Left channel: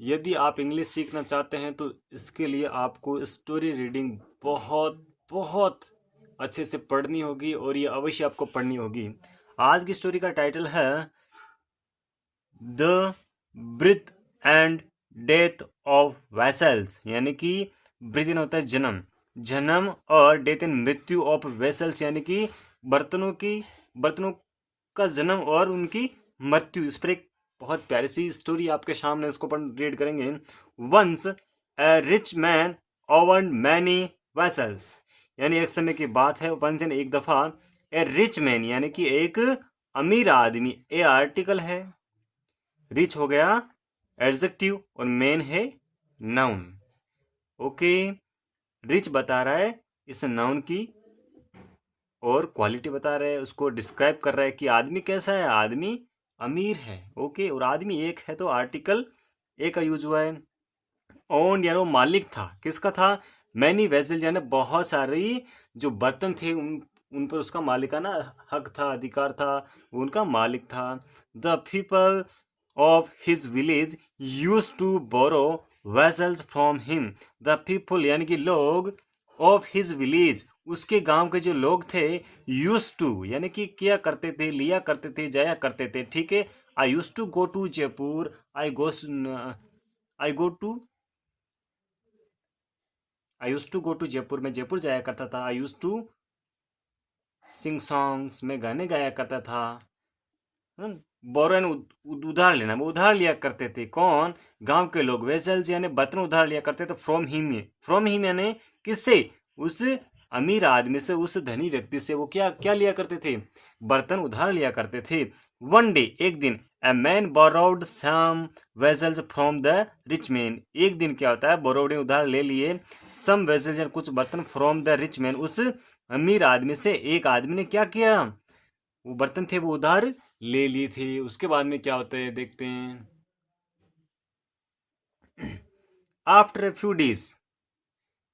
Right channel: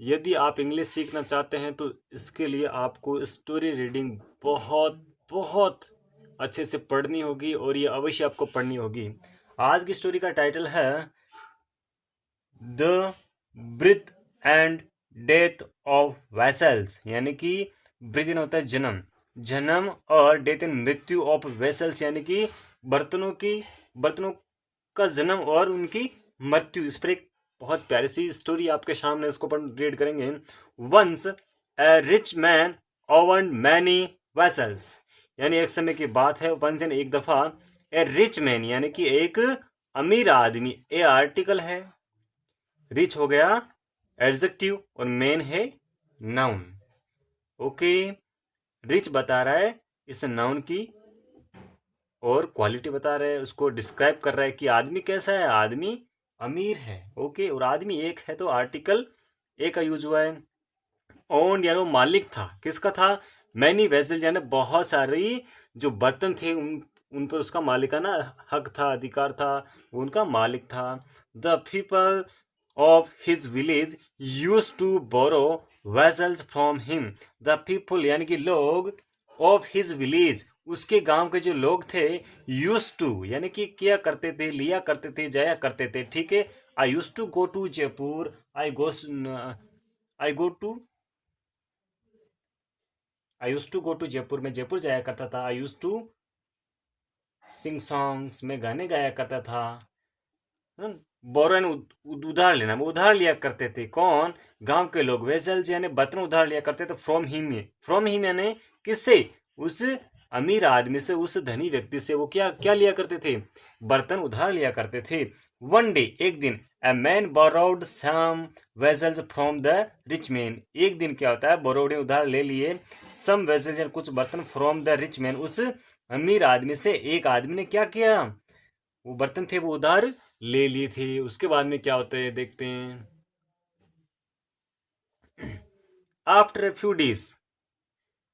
यदि आप इंग्लिश सीखना चाहते हैं तो इसके लिए आपको स्टोरी रीडिंग बहुत बहुत अच्छे से पढ़नी होगी, और ये अवश्य आपको पढ़नी होगी। आज की स्टोरी का टाइटल है the breath and death of vessels, यानी कि ब्रीथ इन होता है जन्म, जन्म, और डेथ इन मृत्यु ऑफ वेसल्स, यानी कि बर्तनों का जन्म और उनकी मृत्यु। इस पर एक बहुत प्यारी सी स्टोरी आपके सामने, उसको अपन रीड करेंगे। Once a rich man owned many vessels, यानी एक समय की बात है, वंस यानी एक दफा, ए रिच मैन यानी कि एक अमीर आदमी, ए आर्टिकल है, रिच हो गया एडजेक्टिव और मैन है नाउन। ओके, रिच बता रहा है इस नाउन की, और क्वालिटी बता रहा है, उसको डिस्क्राइब कर रहा है कि आदमी कैसा है, आदमी अमीर है। ओके, और आदमी एक है तो आर्टिकल एक का यूज हुआ है। ओन यानी वो मालिक था, किसका था, मैनी वेसल यानी बहुत सारी जो बर्तन थे उन पर उसका मालिकाना हक था, अधिकार था, उनका मालिक था। The people of his village use to borrow vessels from him. The people यानी कि लोग, ऑफ हिज विलेज उसके गांव के जो लोग थे, यूज टू यानी कि किया करते थे, लिया करते थे, जाया करते थे। ठीक है, I used to go to Jaipur, I used to go to Jaipur, में जयपुर जाया करता था। I used to sing songs, में गाने गाया करता था। बोरो उधार लेना, वो उधार लिया करते थे। कौन, गांव के लोग। वेसल्स यानी बर्तन उधार लिया करते थे फ्रॉम हिम यानी किससे, उस अमीर आदमी से, उस धनी व्यक्ति से। वो क्या क्या लिया करते थे, बर्तन उधार लिया करते थे। वन डे एक दिन, a man borrowed some vessels from the rich man, एक दिन क्या होता है, बोरोड ने उधार ले लिए, सम वेसल्स यानी कुछ बर्तन, फ्रॉम द रिच मैन उस अमीर आदमी से। एक आदमी ने क्या किया, वो बर्तन थे वो उधार ले लिए थे। उसके बाद में क्या होता है देखते हैं। आफ्टर ए फ्यू डेज,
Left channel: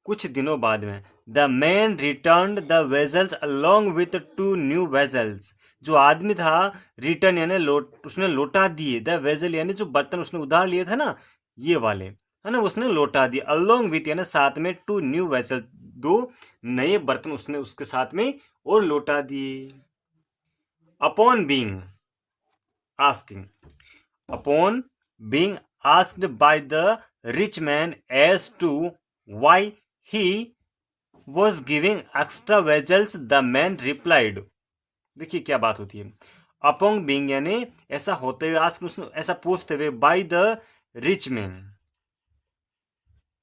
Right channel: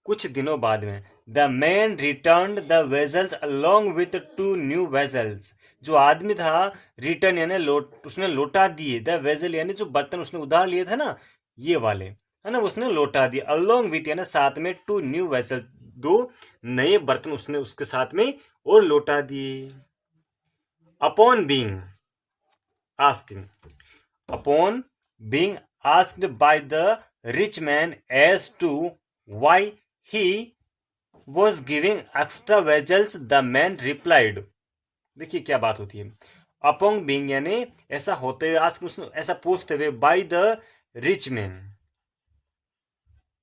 कुछ दिनों बाद में, the man return the vessels along with to new vessels, जो आदमी था रिटर्न यानी उसने लौटा दिए, द वेजल यानी जो बर्तन उसने उधार लिए थे ना, ये वाले है ना, उसने लौटा दिए। अलोंग विथ यानी साथ में, टू न्यू वेजल दो नए बर्तन उसने उसके साथ में और लौटा दिए। Upon being asking, upon being asked by the rich man as to why he was giving extra vessels, the man replied, देखिए क्या बात होती है। अपॉन बीइंग यानी ऐसा होते हुए, आस्क ऐसा पूछते हुए, बाय द रिच मैन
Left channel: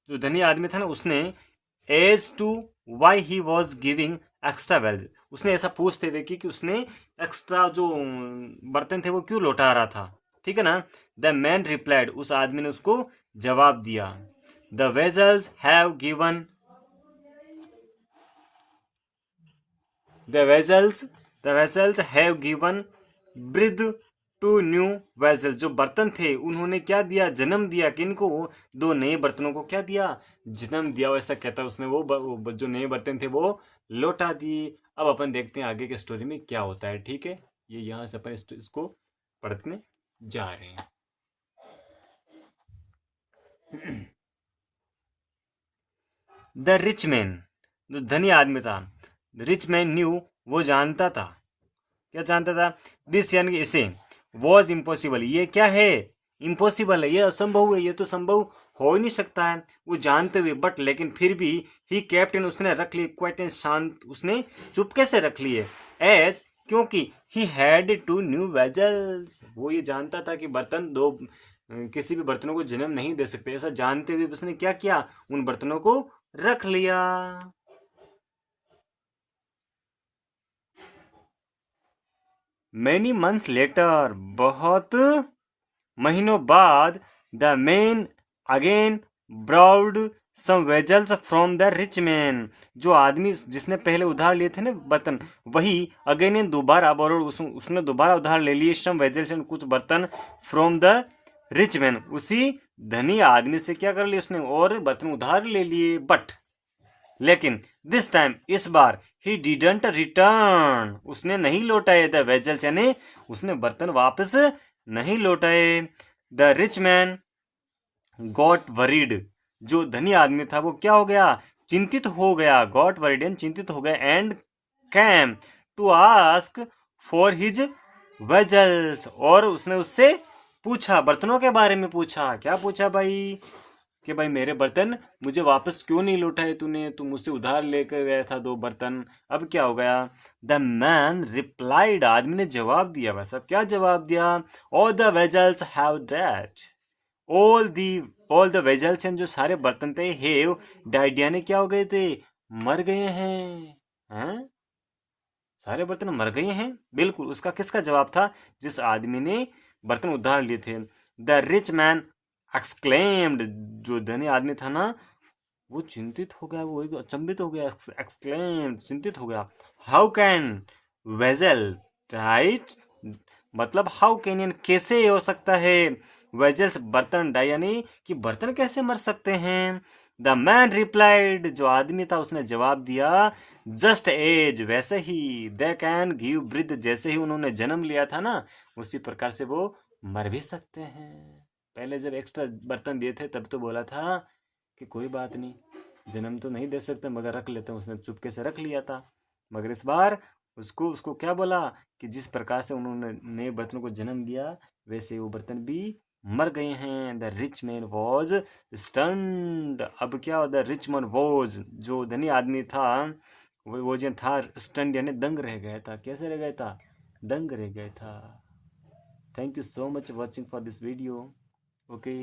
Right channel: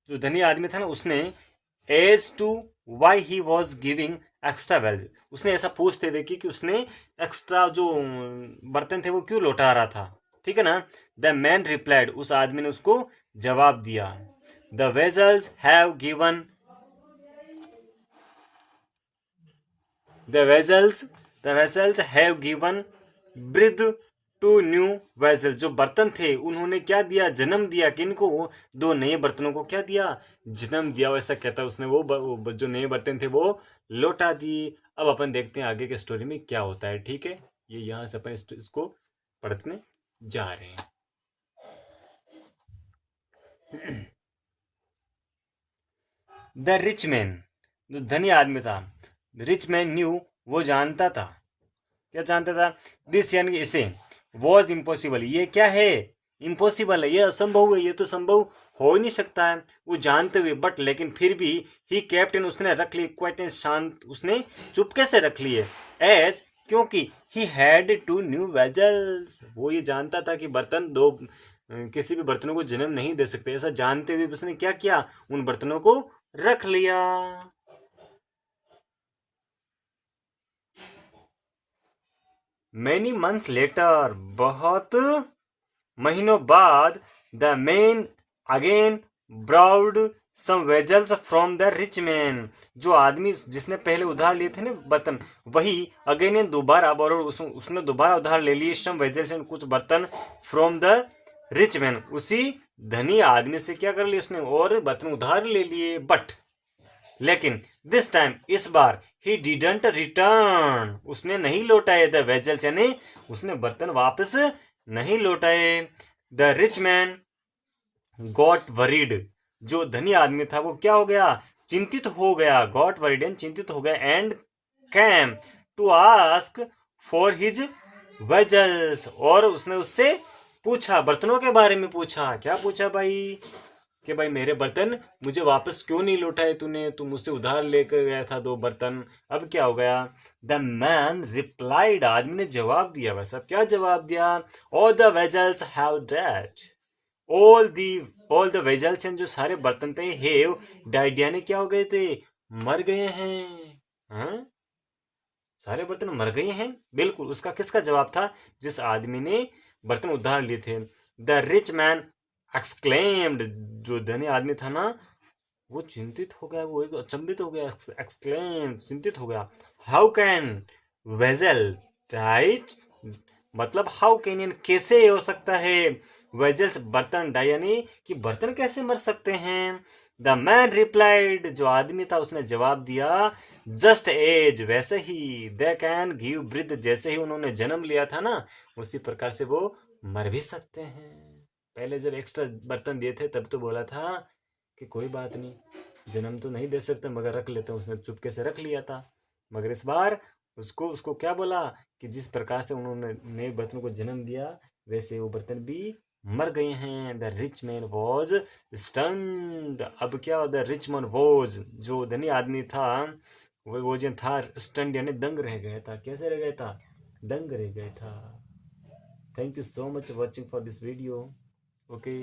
जो धनी आदमी था ना, उसने as to why he was giving extra vessels, उसने ऐसा पूछते हुए कि उसने एक्स्ट्रा जो बर्तन थे वो क्यों लौटा रहा था। ठीक है ना। द मैन रिप्लाइड, उस आदमी ने उसको जवाब दिया, the vessels have given, the vessels have given breath to new vessel, जो बर्तन थे उन्होंने क्या दिया, जन्म दिया। किनको, दो नए बर्तनों को क्या दिया, जन्म दिया। वैसा कहता है उसने, वो जो नए बर्तन थे वो लौटा दिए। अब अपन देखते हैं आगे के स्टोरी में क्या होता है। ठीक है, ये यहां से अपन इसको पढ़ने जा रहे हैं। द रिच मैन, जो धनी आदमी था, रिच मैन न्यू, वो जानता था, क्या जानता था, दिस यानी इसे, वॉज इम्पॉसिबल, ये क्या है, इम्पॉसिबल है, ये असंभव है, ये तो संभव हो ही नहीं सकता है। वो जानते हुए, बट लेकिन फिर भी, ही कैप्टन उसने रख ली, क्वाइट शांत, उसने चुप कैसे रख लिए, एज क्योंकि he had two new vessels, वो ये जानता था कि बर्तन दो किसी भी बर्तनों को जन्म नहीं दे सकते। ऐसा जानते हुए उसने क्या किया, उन बर्तनों को रख लिया। मैनी मंथ्स लेटर, बहुत महीनों बाद, the man again borrowed some vessels from the rich man, जो आदमी जिसने पहले उधार लिए थे ना बर्तन, वही अगेन दोबारा उसने दोबारा उधार ले लिए, सम वेजल्स कुछ बर्तन, फ्रॉम द रिच मैन, उसी धनी आदमी से क्या कर लिया उसने, और बर्तन उधार ले लिए। बट लेकिन दिस टाइम, इस बार, ही डिडंट रिटर्न, उसने नहीं लौटाए द वेजल्स, यानी उसने बर्तन वापस नहीं लौटाए। The rich man got worried, जो धनी आदमी था वो क्या हो गया, चिंतित हो गया, गॉट वरीड यानी चिंतित हो गया, and came to ask for his vessels, और उसने उससे पूछा, बर्तनों के बारे में पूछा। क्या पूछा भाई, कि भाई मेरे बर्तन मुझे वापस क्यों नहीं लौटाए तूने, तू मुझसे उधार लेकर गया था 2 बर्तन, अब क्या हो गया। द मैन रिप्लाइड, आदमी ने जवाब दिया। बस अब क्या जवाब दिया, all the vessels have dead, all the all the vessels, जो सारे बर्तन थे, हेव डाइड यानी क्या हो गए थे, मर गए हैं। सारे बर्तन मर गए हैं, बिल्कुल। उसका किसका जवाब था, जिस आदमी ने बर्तन उधार लिए थे। द रिच मैन एक्सक्लेम्ड, जो धनी आदमी था ना वो चिंतित हो गया, वो अचंभित हो गया, एक्सक्लेम्ड चिंतित हो गया। हाउ कैन वेजल राइट, मतलब हाउ कैन यानी कैसे हो सकता है, वेजल्स बर्तन डाई यानी कि बर्तन कैसे मर सकते हैं। द मैन रिप्लाइड, जो आदमी था उसने जवाब दिया, जस्ट एज, वैसे ही, दे कैन गिव ब्रिथ, जैसे ही उन्होंने जन्म लिया था ना उसी प्रकार से वो मर भी सकते हैं। पहले जब एक्स्ट्रा बर्तन दिए थे तब तो बोला था कि कोई बात नहीं, जन्म तो नहीं दे सकते मगर रख लेते हैं, उसने चुपके से रख लिया था। मगर इस बार उसको उसको क्या बोला कि जिस प्रकार से उन्होंने नए बर्तन को जन्म दिया वैसे वो बर्तन भी मर गए हैं। The rich man was stunned, अब क्या, द रिच मैन वॉज, जो धनी आदमी था वो जो था स्टन्ड यानी दंग रह गया था। कैसे रह गया था, दंग रह गया था। Thank you so much watching for this video. Okay.